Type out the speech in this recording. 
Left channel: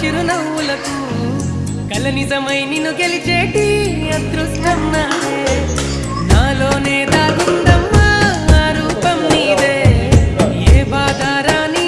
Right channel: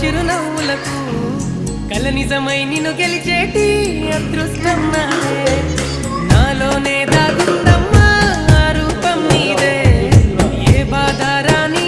చిరునవ్వులకు కల నిజమై నిన్ను గెలిచేటి అదృష్టం నాదే నాలోనే దాగుందమ్మా ఆ రూపం నీదే ఏ బాధ రాని